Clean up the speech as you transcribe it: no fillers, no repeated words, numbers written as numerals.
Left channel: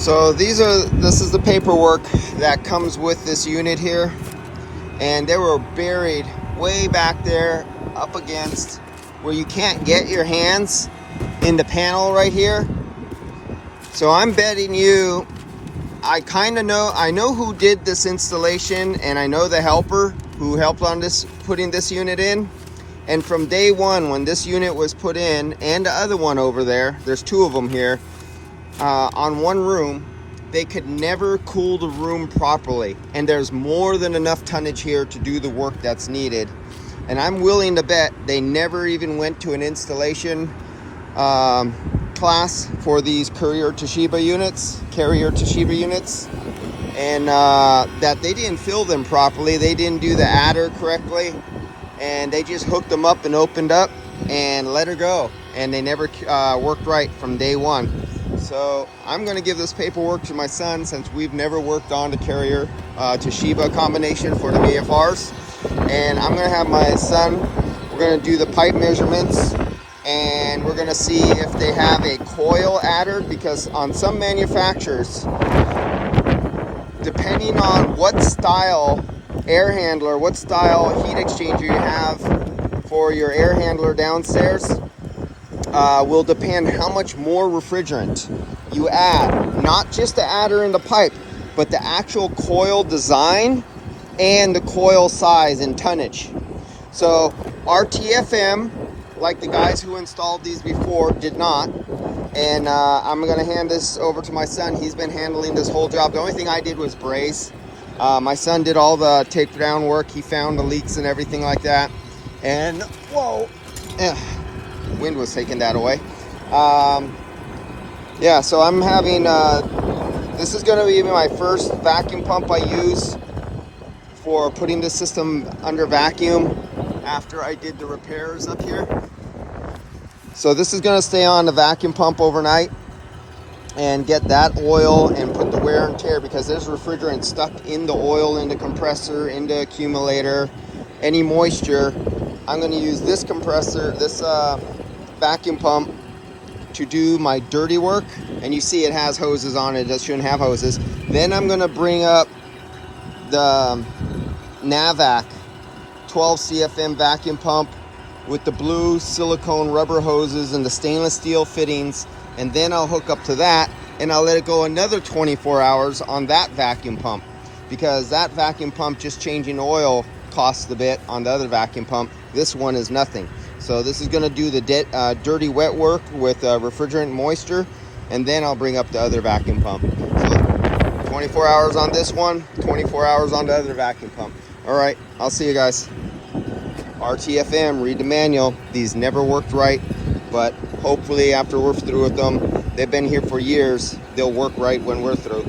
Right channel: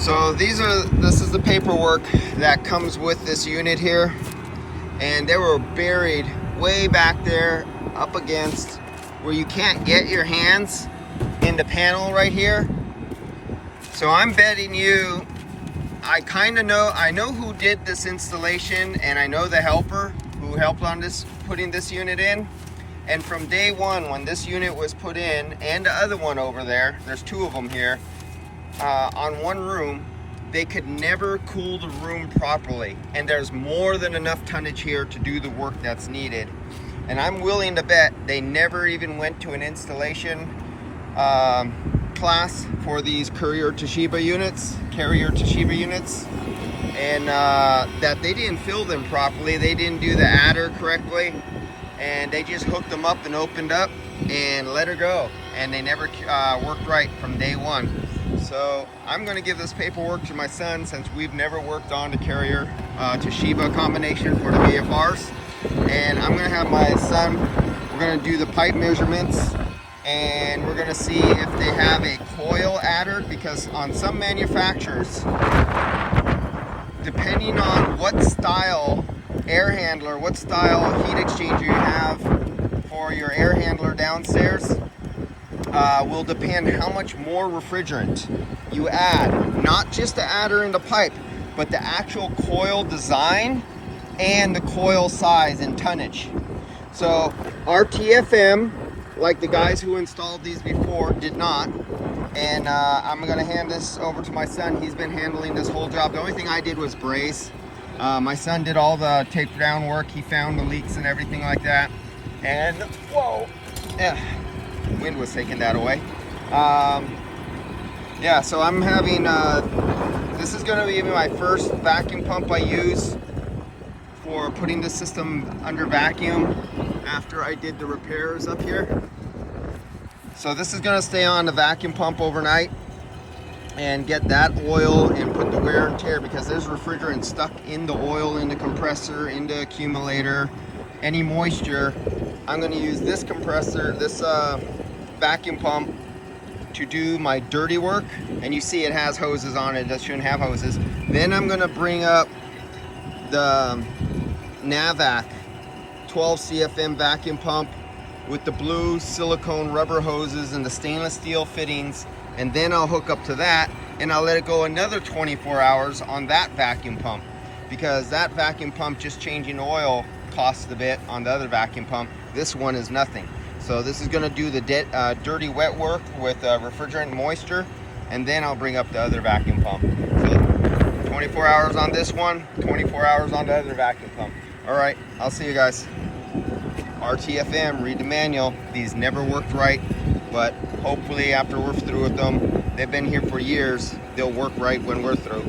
So this is the paperwork that comes with this unit here, and they were buried way back there up against where you can't get your hands in the panel right here. So I'm betting you, I know who did this installation, and I know the helper who helped on this, putting this unit in. And from day one, when this unit was put in, and the other one over there, there's two of them here, on one room, they could never cool the room properly. And there's more than enough tonnage here to do the work that's needed. And I'm willing to bet they never even went to an installation class for these Carrier Toshiba units, and that they didn't fill them properly. They didn't do the adder correctly, and they just hooked them up and opened up and let her go. And they never worked right from day one. So I'm going to give this paperwork to my son, since we've never worked on the Carrier Toshiba combination for the VFRs. And I'm going to have my son, we're going to do the pipe measurements, and we're going to see if they have a coil adder, because on some manufacturers, depending on what style air handler, what style heat exchanger you have for your air handler downstairs, will depend how much more refrigerant you add. Not just the adder in the pipe, but the actual coil design and the coil size and tonnage. So RTFM, like the guys who installed these before, did not. And I'm gonna hand this over to my son. He's been handling this whole job. The only thing I did was braze. My son did all the tape down work. He found the leaks and everything like that. And whoa, wind was taking that away. Yeah, so I'm having, this is gonna be my first vacuum pump I use for putting the system under vacuum after I did the repairs up here. So this is gonna stay on the vacuum pump overnight and get that oil and put the wear and tear, because there's refrigerant stuck in the oil, in the compressor, in the accumulator, any moisture. I'm gonna use this compressor, this vacuum pump, to do my dirty work. And you see it has hoses on it, it shouldn't have hoses. Then I'm gonna bring up the Navac 12 CFM vacuum pump with the blue silicone rubber hoses and the stainless steel fittings, and then I'll hook up to that, and I'll let it go another 24 hours on that vacuum pump, because that vacuum pump, just changing oil, costs a bit on the other vacuum pump. This one is nothing. So this is going to do the dirty wet work with refrigerant and moisture, and then I'll bring up the other vacuum pump. So 24 hours on this one, 24 hours on the other vacuum pump. All right, I'll see you guys. RTFM, read the manual. These never worked right, but hopefully after we're through with them, they've been here for years, they'll work right when we're through.